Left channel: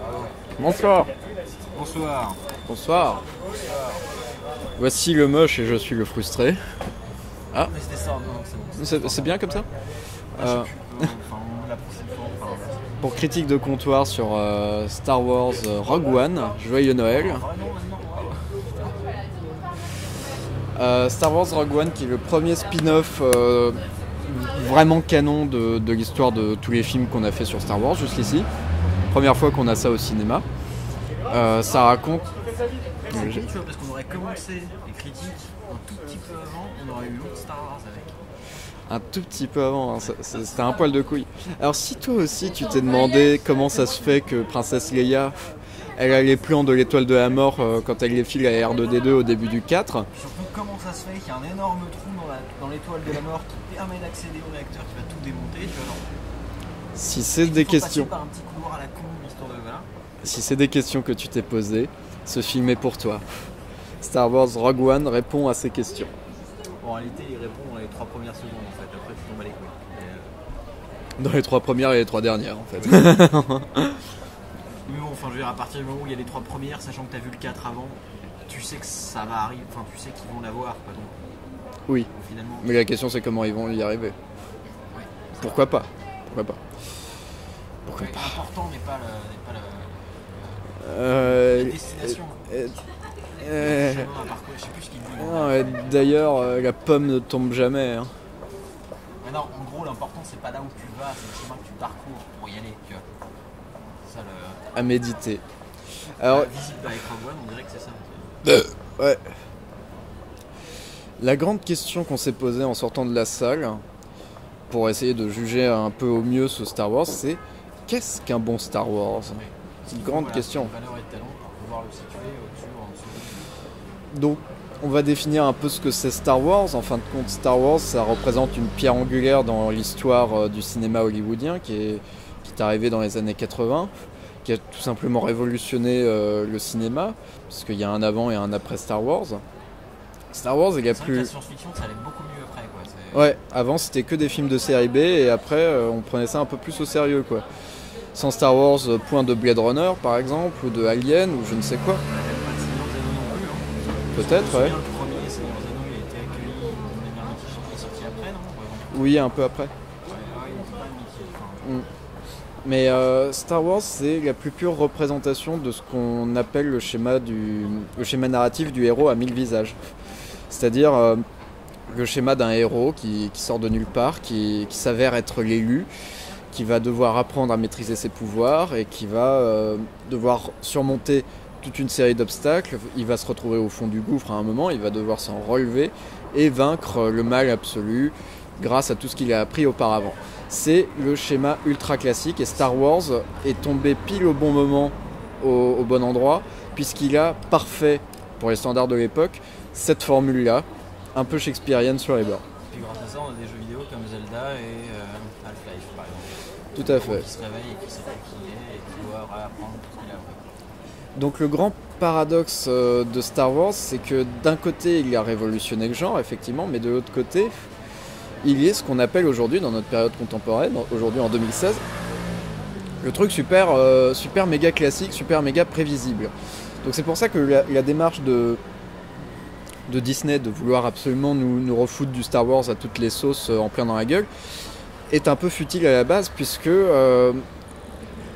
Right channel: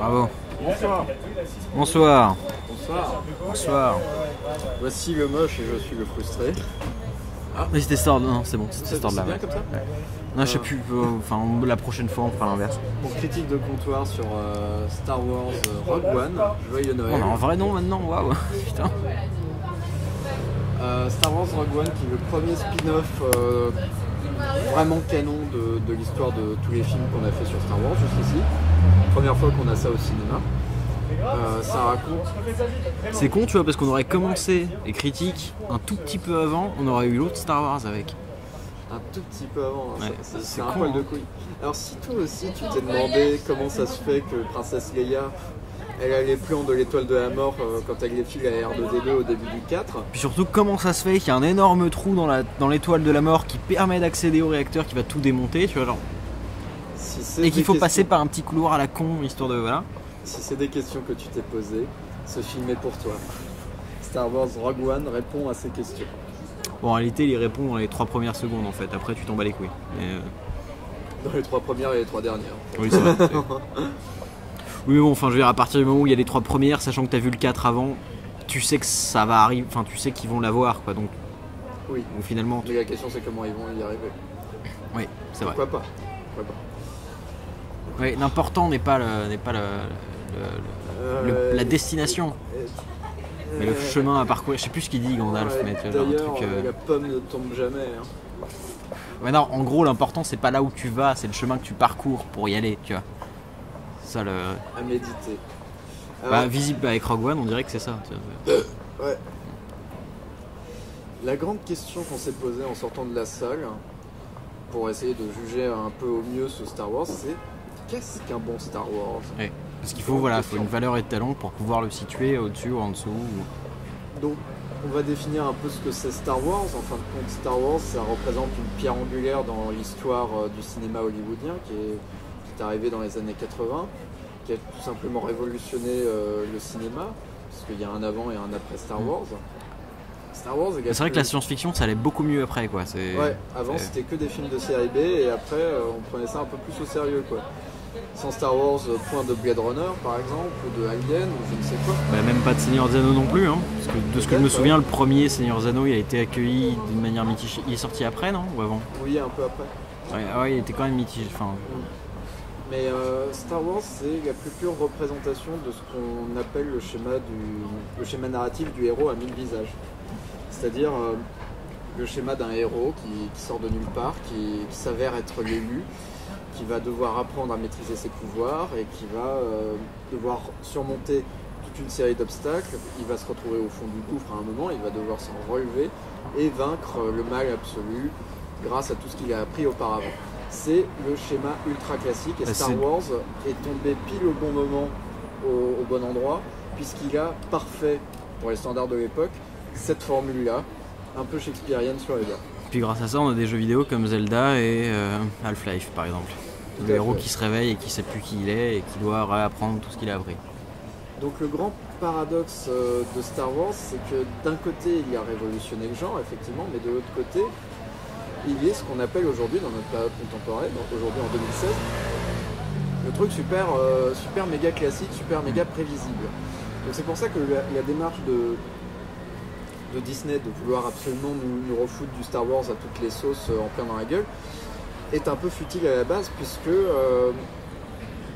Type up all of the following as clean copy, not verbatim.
Bravo. Bonsoir. Bonsoir. Bonsoir. Bonsoir. Voici le moche et je suis le frustré. Mais c'était ça, non, c'est bon. C'est bien comme ça. Non, je sais plus. Enfin, la prochaine fois, on fera l'inverse. Pour critique de comptoir sur Star Wars Rogue One, joyeux Noël. En vrai, non, maintenant, waouh. Putain. Star Wars Rogue One qui est le premier spin-off vraiment canon de l'histoire de tous les films qu'on a fait sur Star Wars jusqu'ici. Première fois qu'on a ça au cinéma. Ça raconte... C'est con, tu vois, parce qu'on aurait commencé les critiques un tout petit peu avant, on aurait eu l'autre Star Wars avec. Un tout petit peu avant, hein. Ouais. C'est un poil de couille. Alors si toi aussi tu t'es demandé comment ça se fait que Princesse Leia, elle a les plans de l'étoile de la mort quand elle les file à R2D2 au début du 4. Puis surtout, comment ça se fait qu'il y a un énorme trou dans l'étoile de la mort qui permet d'accéder au réacteur qui va tout démonter, tu vois, genre. Si c'est Et des qu'il faut questions, passer par un petit couloir à la con, histoire de. Voilà. si c'est des questions que tu t'es posées, ce film est pour toi. Star Wars Rogue One répond à ces questions. Bon, en réalité, il répond dans les 3 premières secondes en fait, après tu tombes à les couilles. Dans les 3 premières et les 3 dernières en fait. Oui, mais bon, enfin, je veux dire, à partir du moment où il y a les 3 premières, sachant que t'as vu le 4 avant, tu sais que ça va arriver, enfin, tu sais qu'ils vont l'avoir, quoi, donc. Oui, Bon, finalement. mais la question c'est comment ils vont y arriver. Oui, c'est Pourquoi pas? Pourquoi pas? vrai. Ouais, l'important n'est pas la destination, mais le chemin à parcourir. Je sais plus ce qu'il dit, Gandalf. Ouais, mais tu vois, d'ailleurs, un truc, la pomme ne tombe jamais. Hein. Ouais, non, en gros, l'important, c'est pas là où tu vas, c'est le chemin que tu parcours pour y aller, tu vois. Ça, le. À méditer. Alors, Visible avec Rogue One, on dirait que c'est ça. ouais. La grande question qu'on s'est posée en sortant de la salle, pour essayer de juger un peu au mieux ce Star Wars, c'est qu'est-ce qu'un bon Star Wars? Ouais. Parce qu'il faut, Grande voilà, question. une valeur étalon pour pouvoir le situer au-dessus ou en dessous. Donc, on va définir un peu ce que c'est Star Wars. En fin de compte, Star Wars, ça représente une pierre angulaire dans l'histoire du cinéma hollywoodien qui est arrivé dans les années 80, qui a tout simplement révolutionné le cinéma, parce qu'il y a un avant et un après Star Wars. Star Wars, C'est vrai que la science-fiction, ça allait beaucoup mieux après, quoi. Ouais, avant c'était que des films de série B et après on prenait ça un peu plus au sérieux, quoi. Sans Star Wars, point de Blade Runner par exemple, ou de Alien, ou je ne sais quoi. Même pas de Seigneur des Anneaux non plus, hein. Parce que, de ce que je me Peut-être, souviens, ouais. le premier Seigneur des Anneaux, il a été accueilli d'une manière mitigée. Il est sorti après, non? Ou avant? Oui, un peu après. Ouais, il était quand même mitigé. Enfin, Mais Star Wars, c'est la plus pure représentation de ce qu'on appelle le schéma narratif du héros à 1000 visages. C'est-à-dire le schéma d'un héros qui sort de nulle part, qui s'avère être l'élu, qui va devoir apprendre à maîtriser ses pouvoirs et qui va devoir surmonter toute une série d'obstacles. Il va se retrouver au fond du gouffre à un moment, il va devoir s'en relever et vaincre le mal absolu grâce à tout ce qu'il a appris auparavant. C'est le schéma ultra classique et Star Wars est tombé pile au bon moment, au bon endroit, puisqu'il a parfait, pour les standards de l'époque, cette formule-là, un peu shakespearienne sur les bords. puis grâce à ça, on a des jeux vidéo comme Zelda et Half-Life, par exemple. Tout Le à héros fait. qui se réveille et qui sait plus qui il est et qui doit réapprendre tout ce qu'il a appris. Donc le grand paradoxe de Star Wars, c'est que d'un côté, il a révolutionné le genre, effectivement, mais de l'autre côté, il est ce qu'on appelle aujourd'hui, dans notre période contemporaine, aujourd'hui en 2016, le truc super méga classique, super méga prévisible. Donc c'est pour ça que la démarche de Disney de vouloir absolument nous refoutre du Star Wars à toutes les sauces en plein dans la gueule est un peu futile à la base, puisque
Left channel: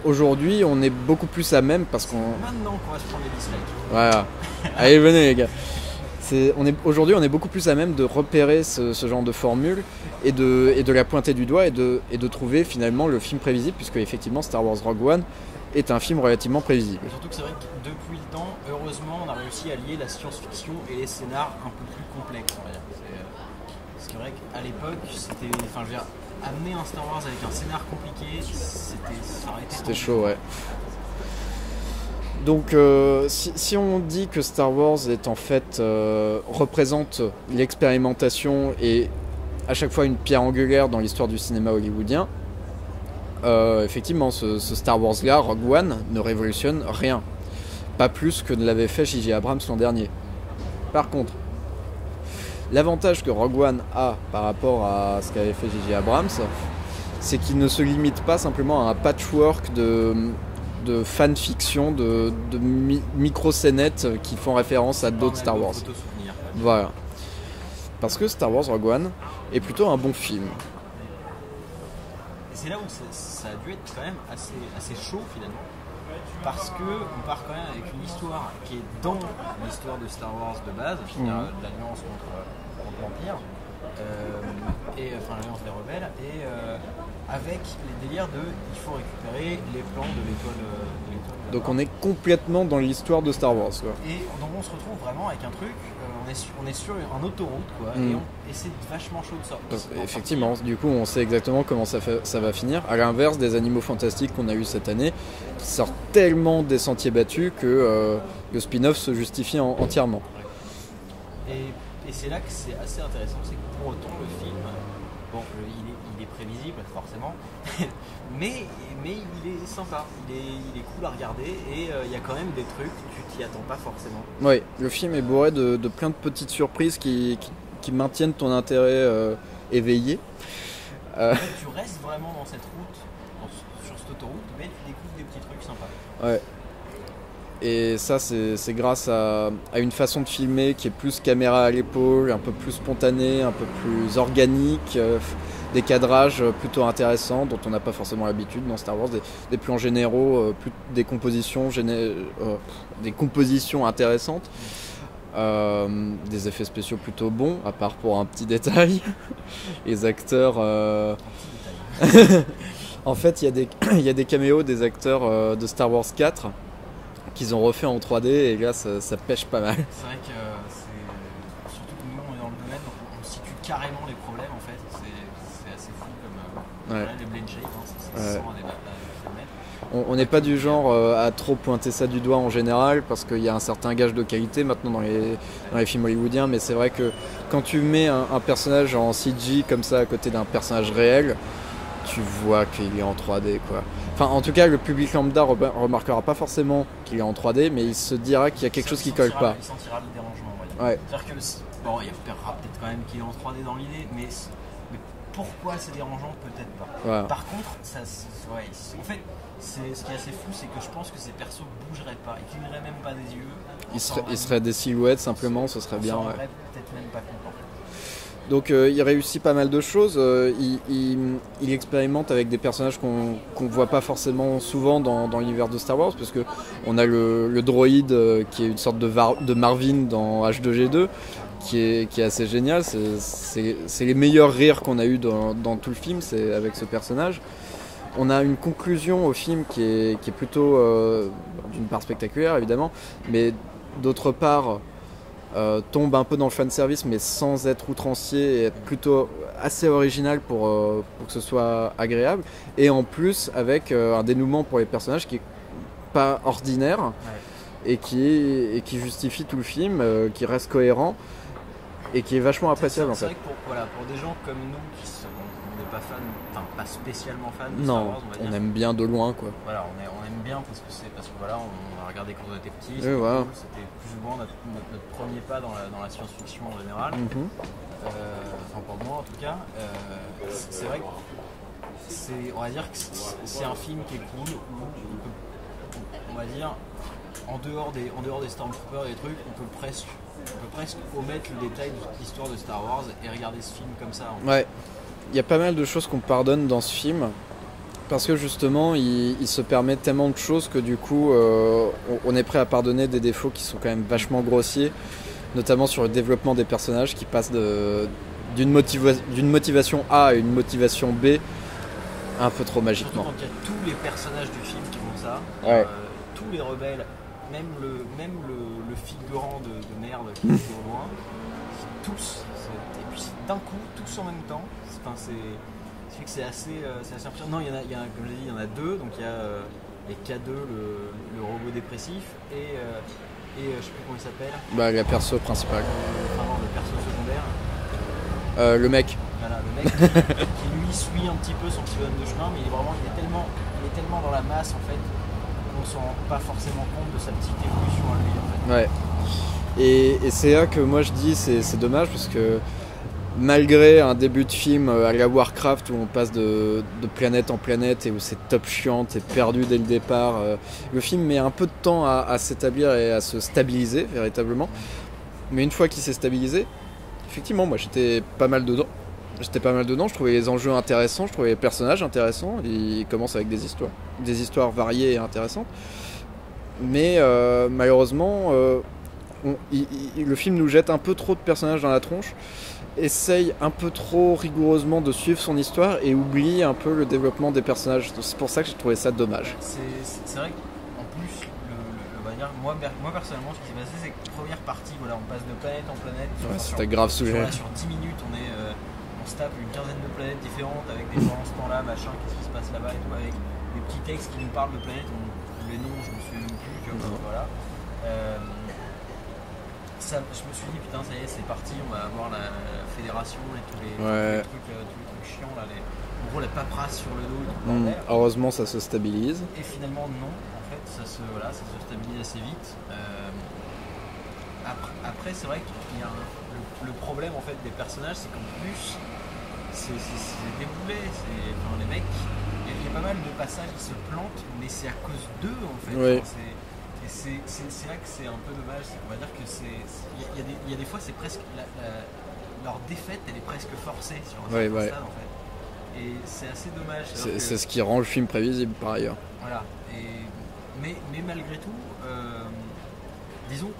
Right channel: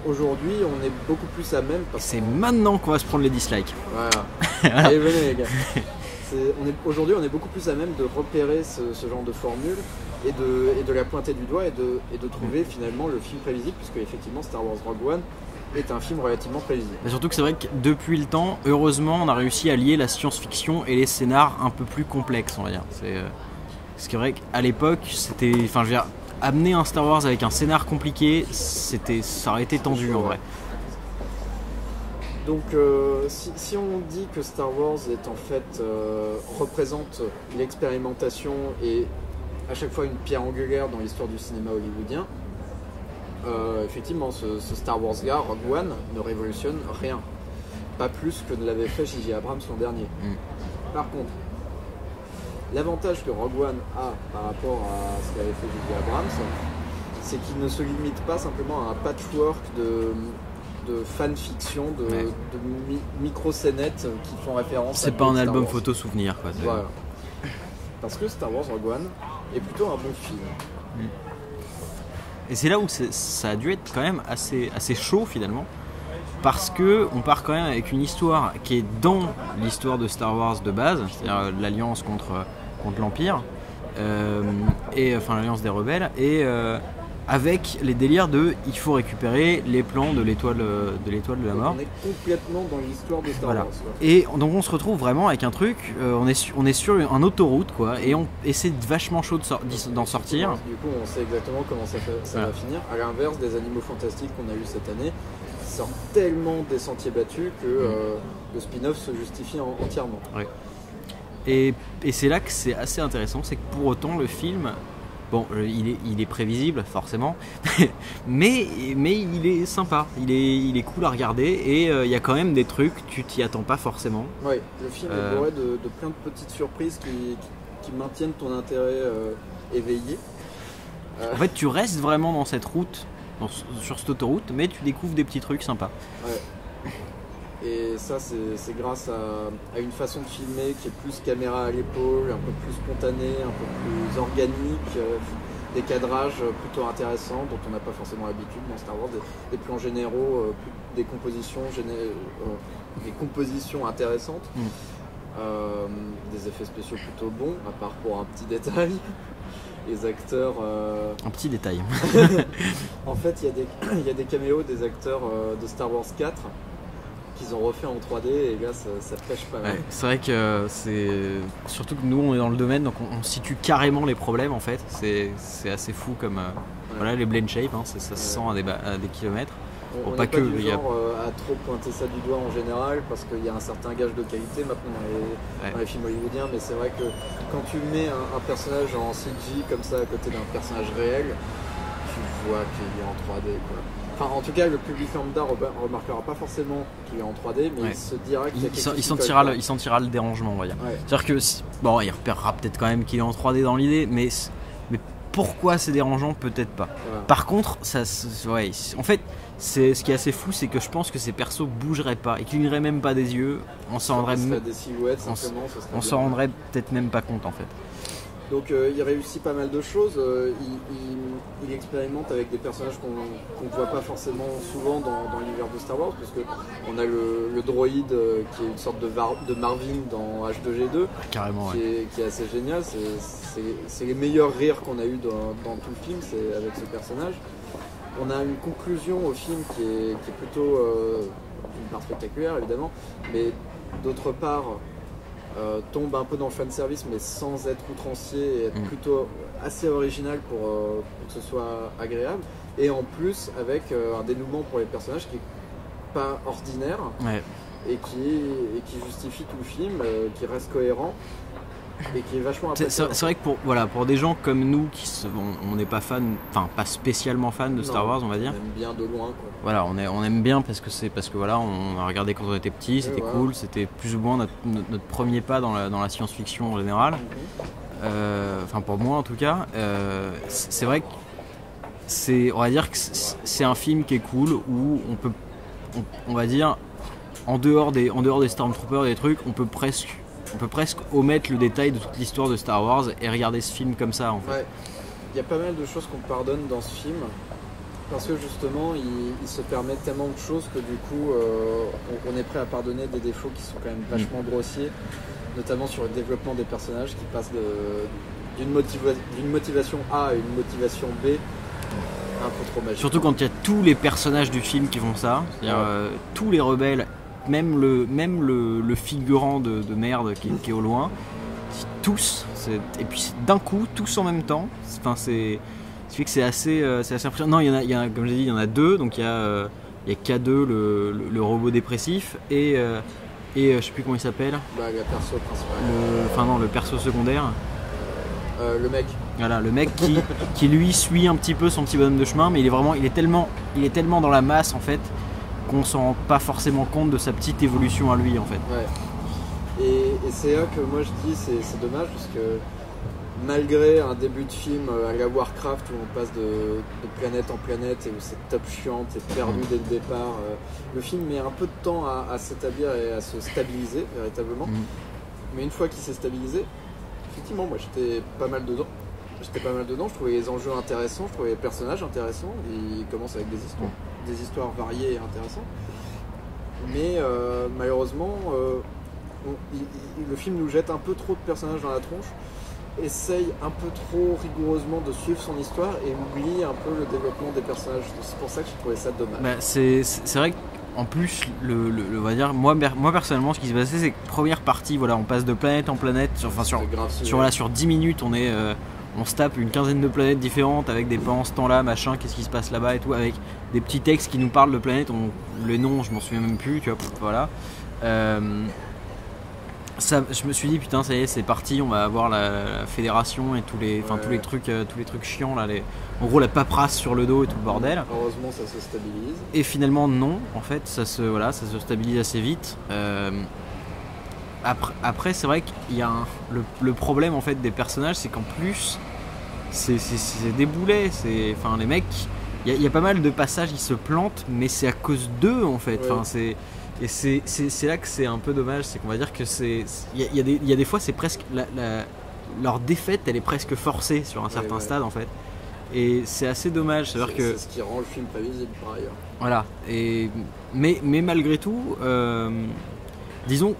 aujourd'hui on est beaucoup plus à même, parce C'est qu'on... maintenant qu'on va se prendre les dislikes. Voilà. Allez, venez les gars. Aujourd'hui, on est beaucoup plus à même de repérer ce genre de formule et de la pointer du doigt et de trouver finalement le film prévisible, puisque effectivement Star Wars Rogue One est un film relativement prévisible. Mais surtout que c'est vrai que depuis le temps, heureusement, on a réussi à lier la science-fiction et les scénars un peu plus complexes, on va dire. C'est vrai qu'à l'époque, c'était, enfin, je veux dire, amener un Star Wars avec un scénar compliqué, ça aurait été tendu. chaud, en vrai. ouais. Donc si on dit que Star Wars est en fait représente l'expérimentation et à chaque fois une pierre angulaire dans l'histoire du cinéma hollywoodien, effectivement ce Star Wars là, Rogue One, ne révolutionne rien. Pas plus que ne l'avait fait J.J. Abrams l'an dernier. Par contre, l'avantage que Rogue One a par rapport à ce qu'avait fait J.J. Abrams, c'est qu'il ne se limite pas simplement à un patchwork de fanfiction, de micro-scénettes qui font référence à C'est pas un d'autres Star album Wars. photo souvenir, quoi. Voilà. Parce que Star Wars Rogue One est plutôt un bon film. Et c'est là où ça a dû être quand même assez chaud finalement. Parce que on part quand même avec une histoire qui est dans l'histoire de Star Wars de base, c'est-à-dire l'alliance contre l'Empire, et enfin l'alliance des rebelles, et avec les délires de il faut récupérer les plans de l'étoile de la Donc mort. on est complètement dans l'histoire de Star Wars. Quoi. Et donc on se retrouve vraiment avec un truc, on est sur un autoroute quoi, et c'est vachement chaud d'en sortir. Du coup on sait exactement comment ça va finir. À l'inverse des Animaux Fantastiques qu'on a eu cette année, qui sortent tellement des sentiers battus que le spin-off se justifie entièrement. Ouais. Et c'est là que c'est assez intéressant, c'est que pour autant le film, bon, il est prévisible forcément, mais il est sympa, il est cool à regarder et il y a quand même des trucs, tu t'y attends pas forcément. Oui, le film est bourré de plein de petites surprises qui maintiennent ton intérêt éveillé. En fait, tu restes vraiment dans cette route, sur cette autoroute, mais tu découvres des petits trucs sympas. Ouais. Et ça, c'est grâce à une façon de filmer qui est plus caméra à l'épaule, un peu plus spontanée, un peu plus organique, des cadrages plutôt intéressants dont on n'a pas forcément l'habitude dans Star Wars, des plans généraux, des compositions intéressantes, des effets spéciaux plutôt bons, à part pour un petit détail. Les acteurs... Un petit détail. En fait, il y a des caméos des acteurs de Star Wars 4 qu'ils ont refait en 3D et là ça pêche pas mal. C'est vrai que c'est surtout que nous on est dans le domaine donc on situe carrément les problèmes en fait. C'est assez fou comme voilà les blend shape, ça se sent à des kilomètres. On n'est pas du genre à trop pointer ça du doigt en général parce qu'il y a un certain gage de qualité maintenant dans les films hollywoodiens, mais c'est vrai que quand tu mets un personnage en CG comme ça à côté d'un personnage réel, tu vois qu'il est en 3D quoi. Enfin, en tout cas, le public lambda remarquera pas forcément qu'il est en 3D, mais il se dira qu'il y a quelque chose qui colle pas. Il sentira le dérangement, on va dire. Ouais. C'est-à-dire que, bon, il repérera peut-être quand même qu'il est en 3D dans l'idée, mais pourquoi c'est dérangeant, peut-être pas. Ouais. Par contre, en fait, ce qui est assez fou, c'est que je pense que ces persos bougeraient pas et cligneraient même pas des yeux. Ce serait des silhouettes simplement, ce serait bien. On s'en rendrait peut-être même pas compte en fait. Donc il réussit pas mal de choses, il expérimente avec des personnages qu'on ne voit pas forcément souvent dans l'univers de Star Wars, parce qu'on a le droïde qui est une sorte de Marvin dans H2G2, qui est assez génial, c'est les meilleurs rires qu'on a eu dans tout le film, c'est avec ce personnage. On a une conclusion au film qui est plutôt d'une part spectaculaire évidemment, mais d'autre part tombe un peu dans le fanservice mais sans être outrancier et être plutôt assez original pour que ce soit agréable, et en plus avec un dénouement pour les personnages qui est pas ordinaire et qui justifie tout le film, qui reste cohérent et qui est vachement appréciable. C'est vrai que pour des gens comme nous qui on n'est pas fan, enfin pas spécialement fan de Star Wars, on va dire. On aime bien de loin quoi. Voilà, on aime bien parce que voilà, on a regardé quand on était petit, c'était cool, c'était plus ou moins notre premier pas dans la science-fiction en général. Enfin pour moi en tout cas, c'est vrai que on va dire que c'est un film qui est cool où on va dire en dehors des Stormtroopers, des trucs, on peut presque omettre le détail de toute l'histoire de Star Wars et regarder ce film comme ça. En fait. Ouais, il y a pas mal de choses qu'on pardonne dans ce film parce que justement il se permet tellement de choses que du coup on est prêt à pardonner des défauts qui sont quand même vachement grossiers, notamment sur le développement des personnages qui passent d'une motivation A à une motivation B un peu trop magique. Surtout quand il y a tous les personnages du film qui font ça, tous les rebelles, même le figurant de merde qui est au loin, tous, et puis d'un coup, tous en même temps, enfin ça fait que c'est assez impressionnant. Non, il y en a, comme j'ai dit, il y en a deux, donc il y a K2, le robot dépressif, et je sais plus comment il s'appelle. Le perso principal. Le perso secondaire. Le mec. Voilà, le mec qui lui suit un petit peu son petit bonhomme de chemin, mais il est tellement dans la masse en fait qu'on s'en rend pas forcément compte de sa petite évolution à lui en fait. Ouais. Et c'est là que moi je dis c'est dommage parce que malgré un début de film à la Warcraft où on passe de planète en planète et où c'est top chiant, t'es perdu dès le départ, le film met un peu de temps à s'établir et à se stabiliser véritablement. Mais une fois qu'il s'est stabilisé, effectivement, moi j'étais pas mal dedans. Je trouvais les enjeux intéressants, je trouvais les personnages intéressants. Ils commencent avec des histoires variées et intéressantes. Mais malheureusement, le film nous jette un peu trop de personnages dans la tronche, essaye un peu trop rigoureusement de suivre son histoire et oublie un peu le développement des personnages. C'est pour ça que j'ai trouvé ça dommage. Bah, c'est vrai qu'en plus, on va dire, moi personnellement, ce qui s'est passé, c'est que première partie, voilà, on passe de planète en planète. Sur 10 minutes, on se tape une quinzaine de planètes différentes avec des plans en ce temps-là, machin, qu'est-ce qui se passe là-bas et tout, avec des petits textes qui nous parlent de planètes. Les noms, je m'en souviens même plus, tu vois, voilà. Je me suis dit putain, ça y est, c'est parti, on va avoir la fédération et tous les trucs chiants là, en gros la paperasse sur le dos et tout le bordel. Heureusement ça se stabilise. Et finalement non, en fait ça se stabilise assez vite. Après c'est vrai qu'il y a le problème en fait des personnages, c'est qu'en plus c'est des boulets, enfin les mecs, il y a pas mal de passages, ils se plantent, mais c'est à cause d'eux en fait. Enfin, et c'est là que c'est un peu dommage, c'est qu'on va dire que il y a des fois c'est presque leur défaite, elle est presque forcée sur un certain stade en fait. Et c'est assez dommage. C'est ce qui rend le film prévisible par ailleurs. Voilà. Mais malgré tout, disons,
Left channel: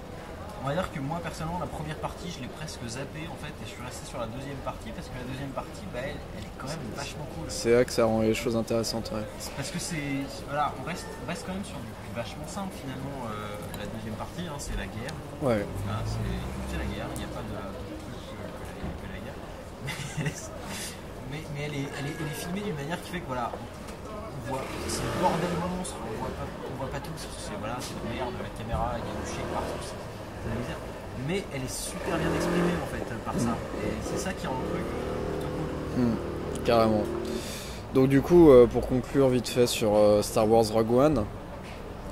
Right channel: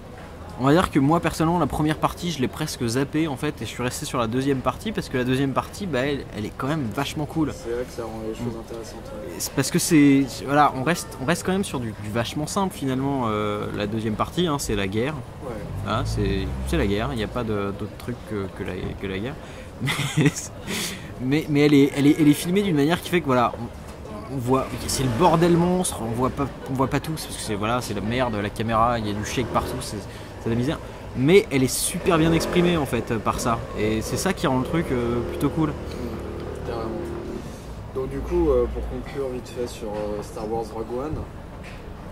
on va dire que moi personnellement la première partie je l'ai presque zappée en fait et je suis resté sur la deuxième partie parce que la deuxième partie elle est quand même vachement cool. C'est là que ça rend les choses intéressantes. Ouais. C'est parce que voilà, on reste quand même sur du vachement simple finalement. La deuxième partie c'est la guerre. Ouais. Hein, c'est la guerre, il n'y a pas d'autre truc que la guerre. Mais elle est filmée d'une manière qui fait que voilà, on voit, c'est le bordel monstre, on voit pas tout parce que c'est la merde, la caméra, il y a du shake partout, c'est de la misère. Mais elle est super bien exprimée en fait par ça. Et c'est ça qui rend le truc plutôt cool. Carrément. Donc du coup, pour conclure vite fait sur Star Wars Rogue One,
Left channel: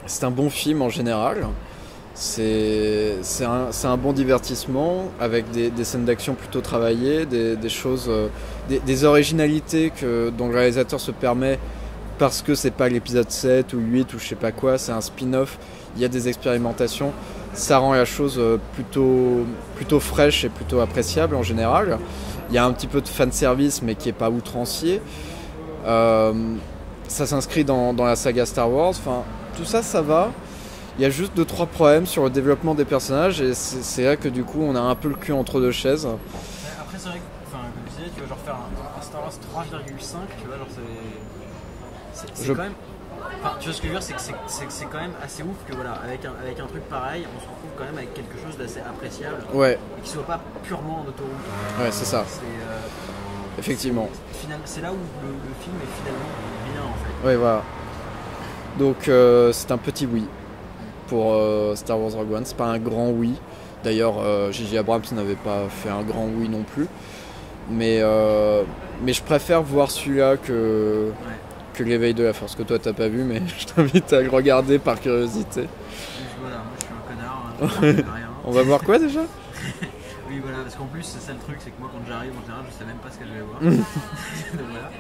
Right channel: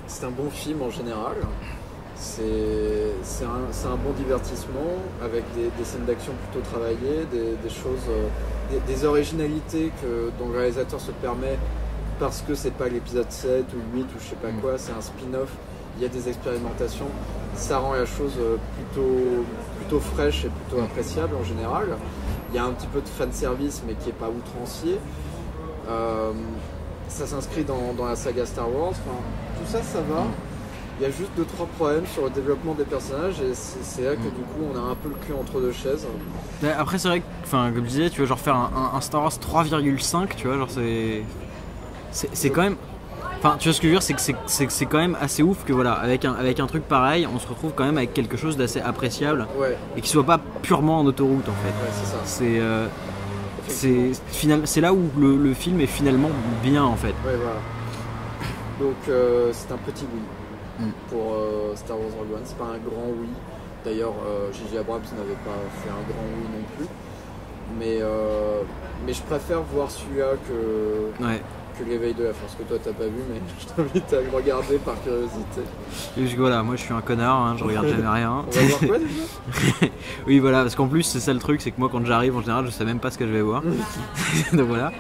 c'est un bon film en général. C'est un bon divertissement avec des scènes d'action plutôt travaillées, des choses, des originalités dont le réalisateur se permet parce que c'est pas l'épisode 7 ou 8 ou je sais pas quoi, c'est un spin-off, il y a des expérimentations, ça rend la chose plutôt fraîche et plutôt appréciable en général. Il y a un petit peu de fanservice mais qui est pas outrancier. Ça s'inscrit dans la saga Star Wars, enfin tout ça, ça va. Il y a juste 2-3 problèmes sur le développement des personnages et c'est là que du coup on a un peu le cul entre deux chaises. Mais après c'est vrai que, comme je disais, tu vois, genre faire un Star Wars 3,5, tu vois, genre c'est quand même... Enfin, tu vois ce que je veux dire, c'est quand même assez ouf que voilà, avec un truc pareil, on se retrouve quand même avec quelque chose d'assez appréciable. Ouais. Et qui soit pas purement en autoroute en fait. Ouais, c'est ça. Effectivement. C'est là où le film est finalement bien en fait. Ouais, voilà. Donc c'est un petit oui pour Star Wars Rogue One. C'est pas un grand oui. D'ailleurs, J.J. Abrams n'avait pas fait un grand oui non plus. Mais je préfère voir celui-là que l'éveil de la force, que toi t'as pas vu, mais je t'invite à le regarder par curiosité. Et voilà, moi je suis un connard, je regarde jamais rien. On va voir quoi déjà? Oui voilà, parce qu'en plus c'est ça le truc, c'est que moi quand j'arrive en général je sais même pas ce que je vais voir. Donc voilà.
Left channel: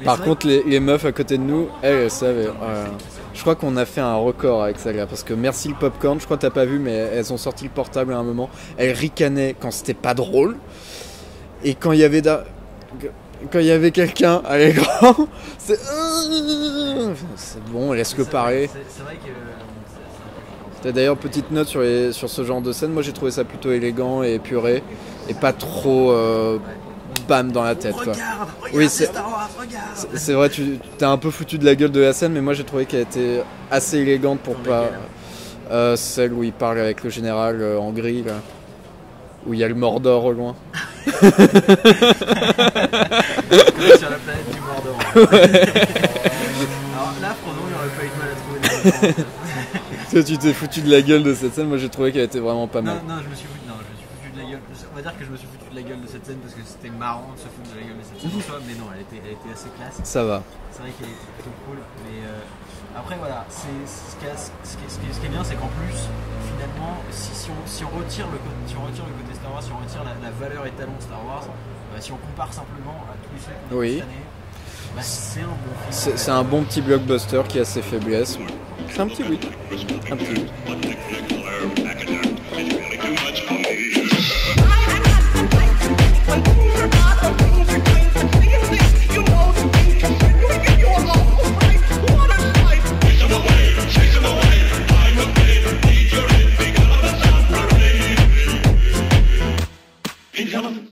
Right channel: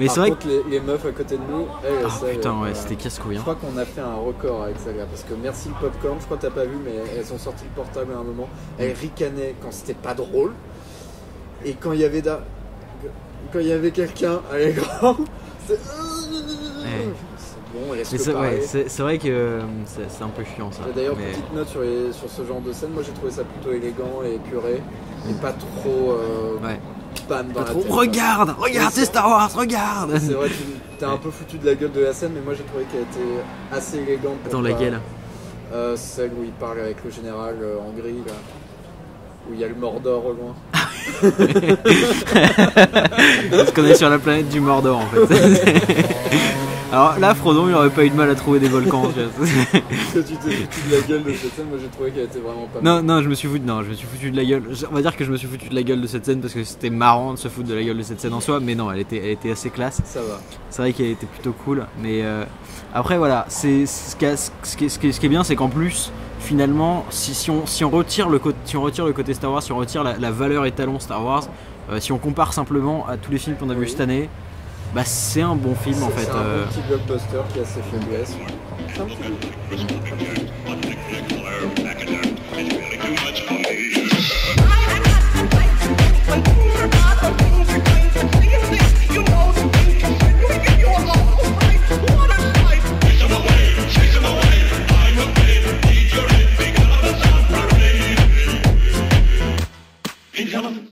Mais par contre les meufs à côté de nous, elles savent. Putain, c'était casse-couille. Je crois qu'on a fait un record avec ça là, parce que merci le popcorn, je crois que t'as pas vu, mais elles ont sorti le portable à un moment. Elles ricanaient quand c'était pas drôle. Et quand il y avait quelqu'un à l'écran, c'est bon, laisse-le parler. C'est vrai que c'est un peu chiant ça. D'ailleurs, petite note sur ce genre de scène, moi j'ai trouvé ça plutôt élégant et épuré, et pas trop bam dans la tête. Regarde, c'est Star Wars, regarde. C'est vrai, t'es un peu foutu de la gueule de la scène, mais moi j'ai trouvé qu'elle était assez élégante pour dans laquelle celle où il parle avec le général en gris, là, où il y a le Mordor au loin. Comme on est sur la planète du Mordor en fait. Alors là, Frodon il aurait pas eu de mal à trouver des volcans. Toi, tu t'es foutu de la gueule de cette scène, moi j'ai trouvé qu'elle était vraiment pas mal. Non, je me suis foutu de la gueule. On va dire que je me suis foutu de la gueule de cette scène parce que c'était marrant de se foutre de la gueule de cette scène en soi, mais non, elle était assez classe. Ça va. C'est vrai qu'elle était plutôt cool, mais après voilà, ce qui est bien, c'est qu'en plus, finalement, si on retire le côté Star Wars, si on retire la valeur étalon Star Wars, Si on compare simplement à tous les films qu'on a vus Oui. cette année, bah c'est un bon film en fait. C'est un bon petit blockbuster qui a ses faiblesses. C'est un petit but. Un petit but.